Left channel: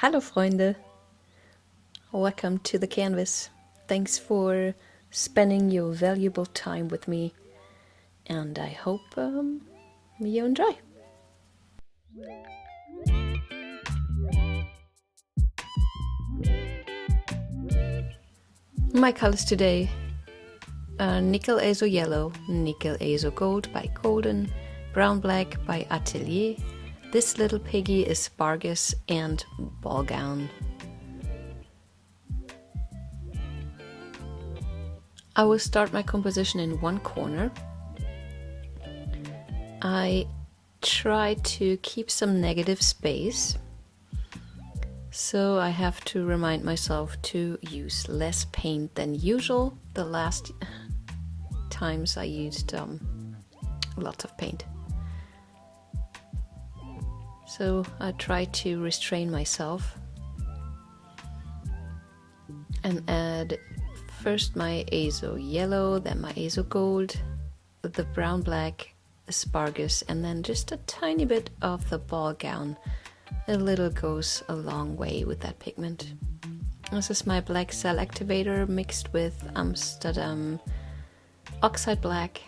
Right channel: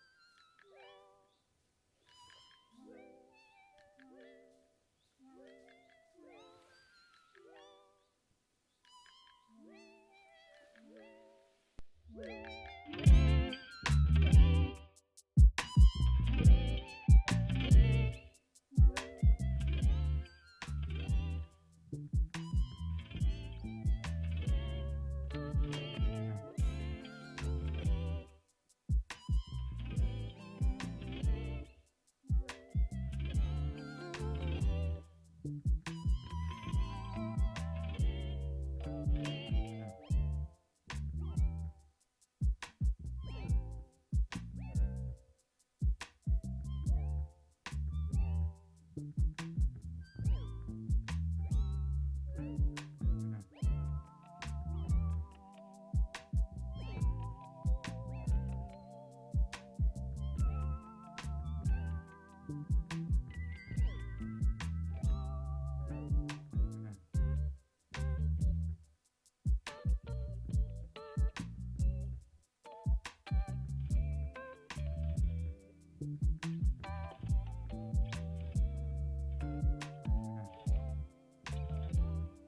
Hallo Freunde! Welcome to the canvas. Thanks for spending your valuable time with me, and I hope you enjoy. My colors today are nickel azo yellow, nickel azo gold by Golden, brown black by Atelier, this little piggy aspargus, and ball gown. I will start my composition in one corner. I try to keep some negative space, so I have to remind myself to use less paint than usual. The last times I used lots of paint. So I try to restrain myself and add first my azo yellow, then my azo gold, the brown black, aspargus, and then just a tiny bit of the ball gown. A little goes a long way with that pigment. This is my black cell activator mixed with Amsterdam oxide black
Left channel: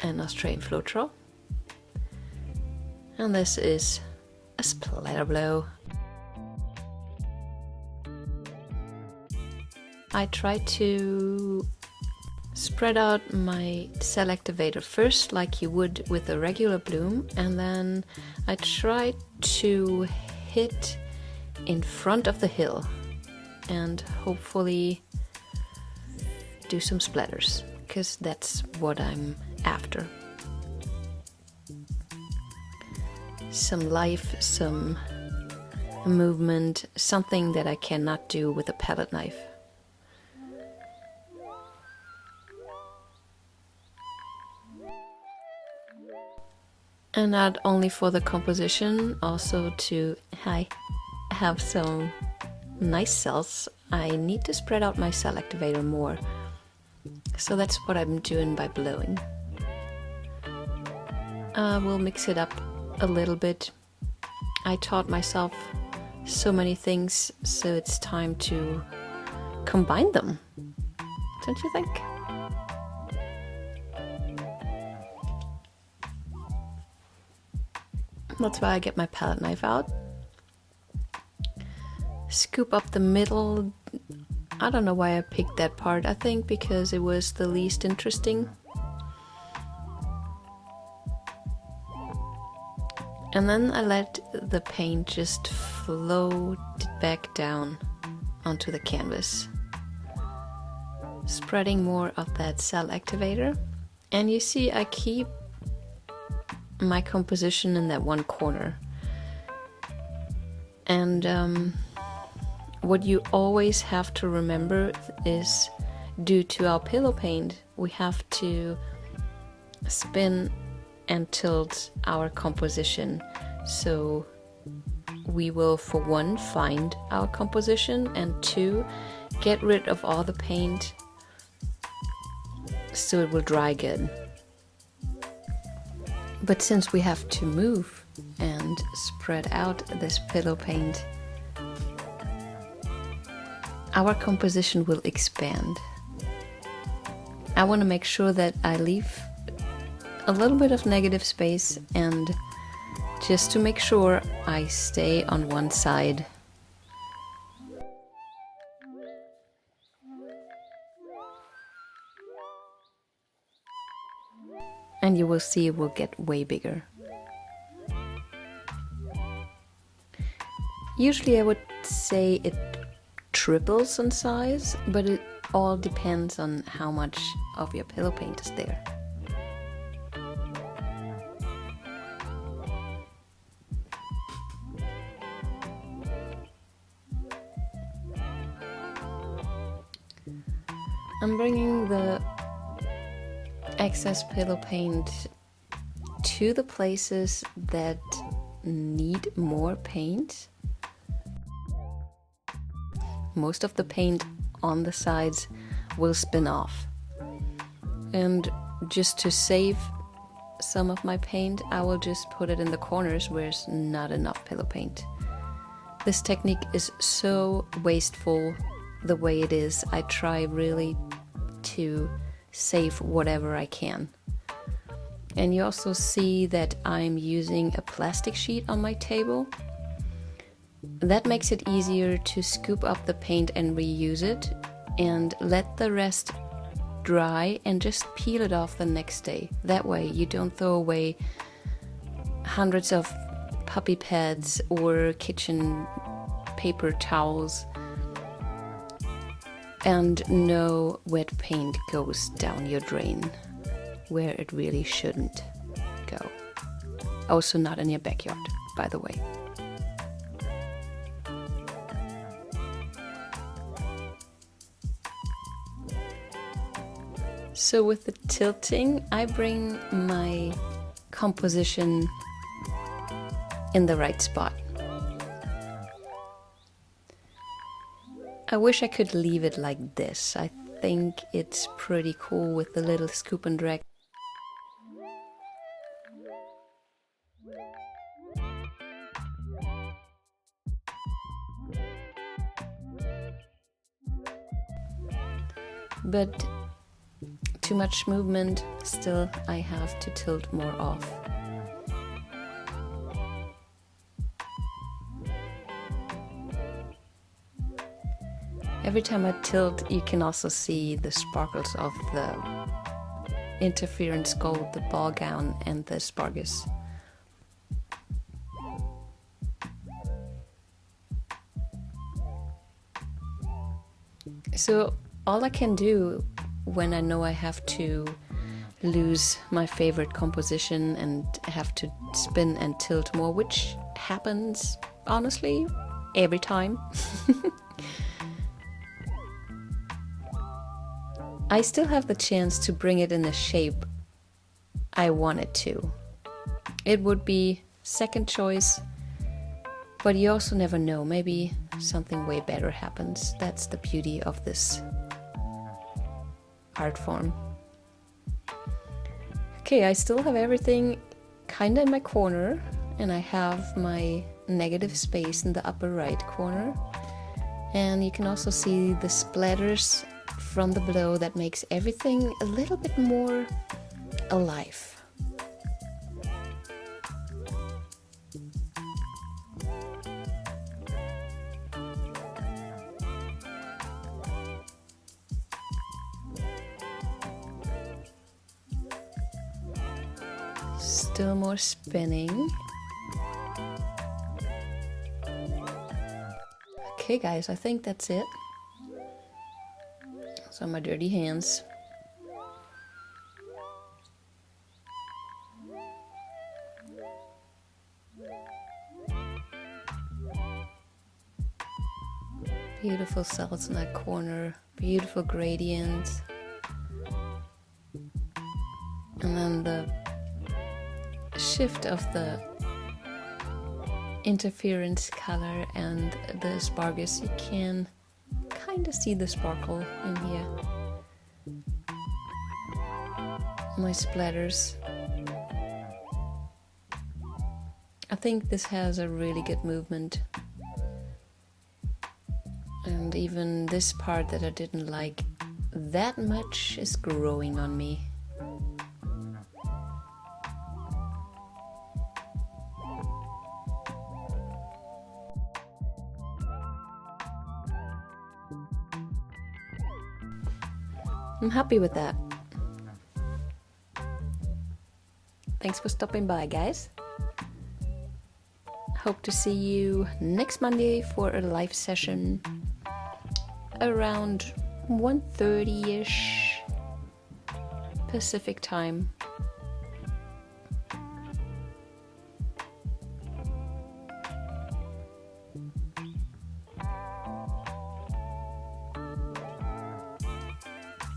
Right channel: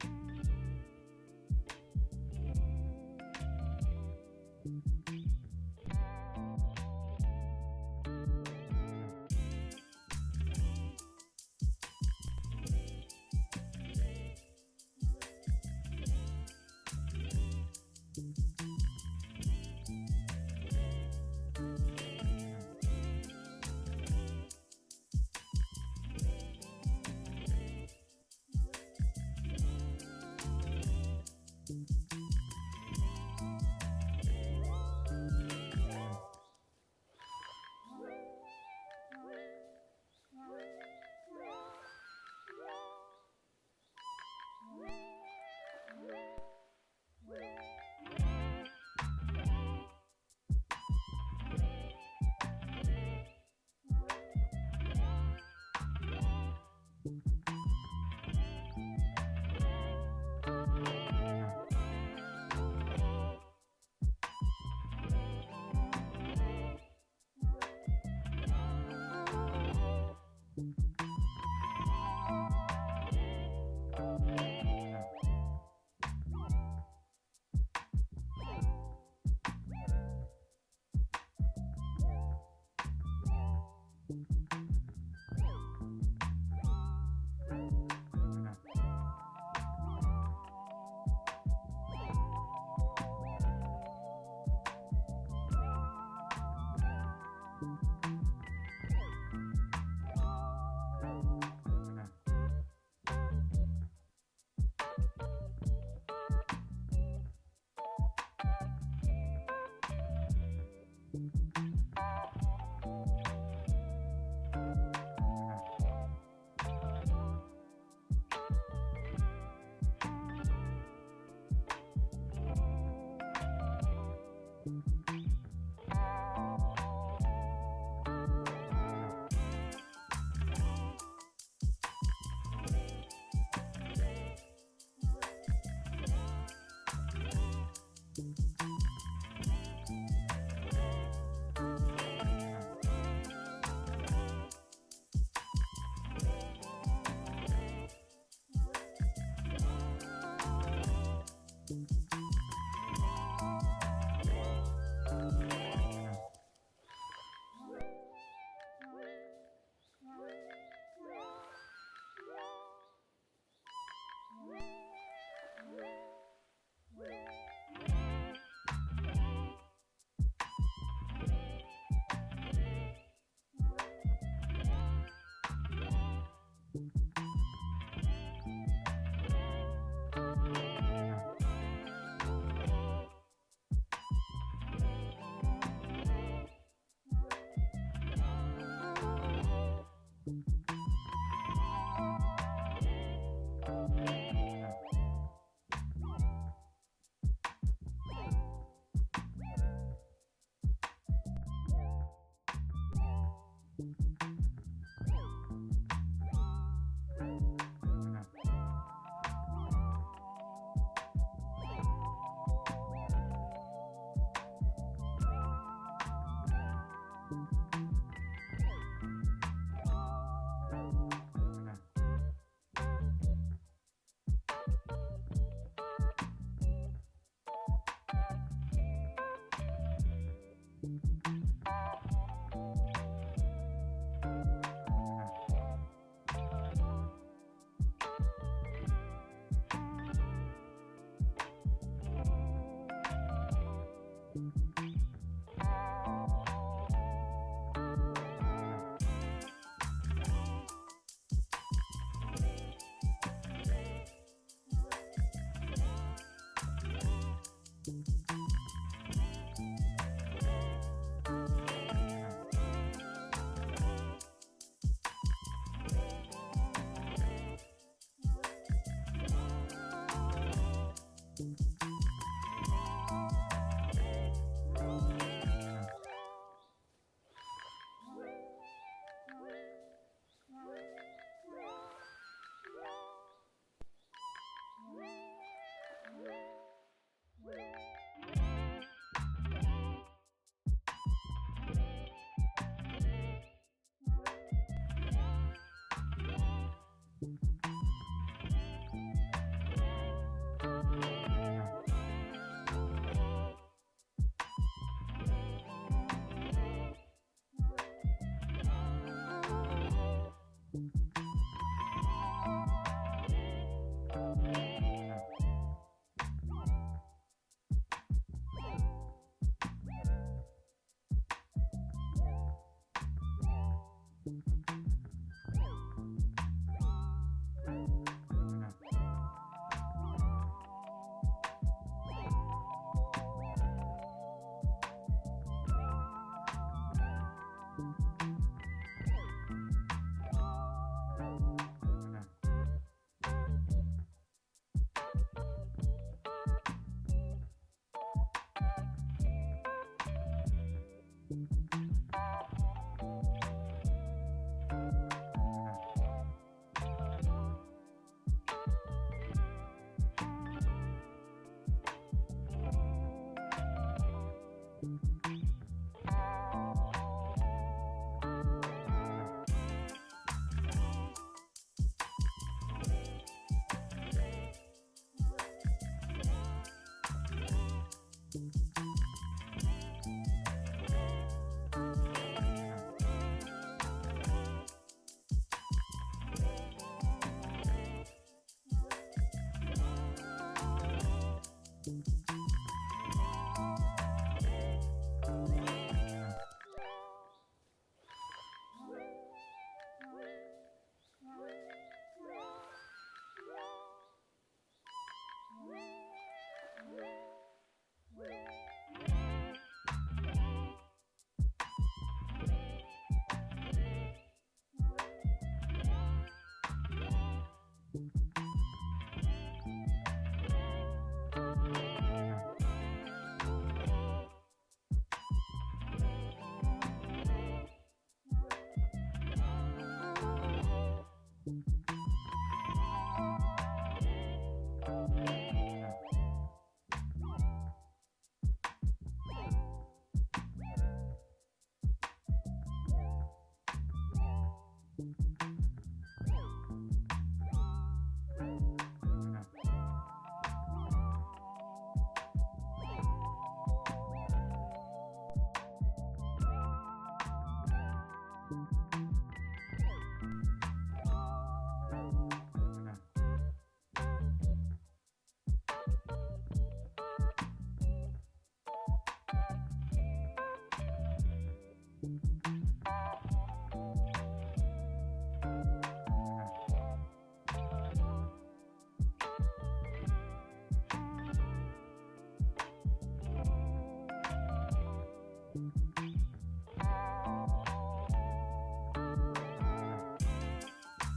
and Australian Floetrol. And this is a splatter blow. I try to spread out my cell activator first like you would with a regular bloom, and then I try to hit in front of the hill and hopefully do some splatters, because that's what I'm after. Some life, some movement, something that I cannot do with a palette knife. And not only for the composition, also to have some nice cells, I need to spread out my cell activator more. So that's what I'm doing by blowing. We'll mix it up a little bit. I taught myself so many things, so it's time to combine them, don't you think? That's why I get my palette knife out. Scoop up the middle. I don't know why I picked that part. I think because it was the least interesting. And then I let the paint just float back down onto the canvas, spreading more of that cell activator. And you see I keep my composition in that one corner. And what you always have to remember is, due to our pillow paint, we have to spin and tilt our composition. So we will, for one, find our composition, and two, get rid of all the paint so it will dry good. But since we have to move and spread out this pillow paint, our composition will expand. I want to make sure that I leave a little bit of negative space, and just to make sure I stay on one side. And you will see it will get way bigger. Usually I would say it triples in size, but it all depends on how much of your pillow paint is there. I'm bringing the excess pillow paint to the places that need more paint. Most of the paint on the sides will spin off. And just to save some of my paint, I will just put it in the corners where there's not enough pillow paint. This technique is so wasteful the way it is. I try really to save whatever I can. And you also see that I'm using a plastic sheet on my table. That makes it easier to scoop up the paint and reuse it, and let the rest dry and just peel it off the next day. That way you don't throw away hundreds of puppy pads or kitchen paper towels, and no wet paint goes down your drain where it really shouldn't go. Also not in your backyard, by the way. So with the tilting, I bring my composition in the right spot. I wish I could leave it like this. I think it's pretty cool with the little scoop and drag. But too much movement, still I have to tilt more off. Every time I tilt, you can also see the sparkles of the interference gold, the ball gown and the aspargus. So all I can do when I know I have to lose my favorite composition and have to spin and tilt more, which happens honestly every time. I still have the chance to bring it in the shape I want it to. It would be second choice, but you also never know. Maybe something way better happens. That's the beauty of this art form. Okay, I still have everything kinda in my corner, and I have my negative space in the upper right corner. And you can also see the splatters from the below that makes everything a little bit more alive. Still more spinning. Okay guys, I think that's it. So my dirty hands. Beautiful cells in that corner, beautiful gradients. And then the shift of the interference color and the aspargus, you can kind of see the sparkle in here. My splatters. I think this has a really good movement. And even this part that I didn't like that much is growing on me. I'm happy with that. Thanks for stopping by, guys. Hope to see you next Monday for a live session around 1:30ish Pacific time.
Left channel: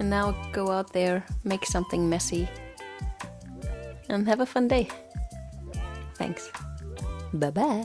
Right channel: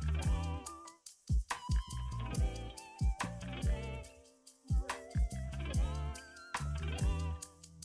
And now go out there, make something messy, and have a fun day. Thanks. Bye-bye.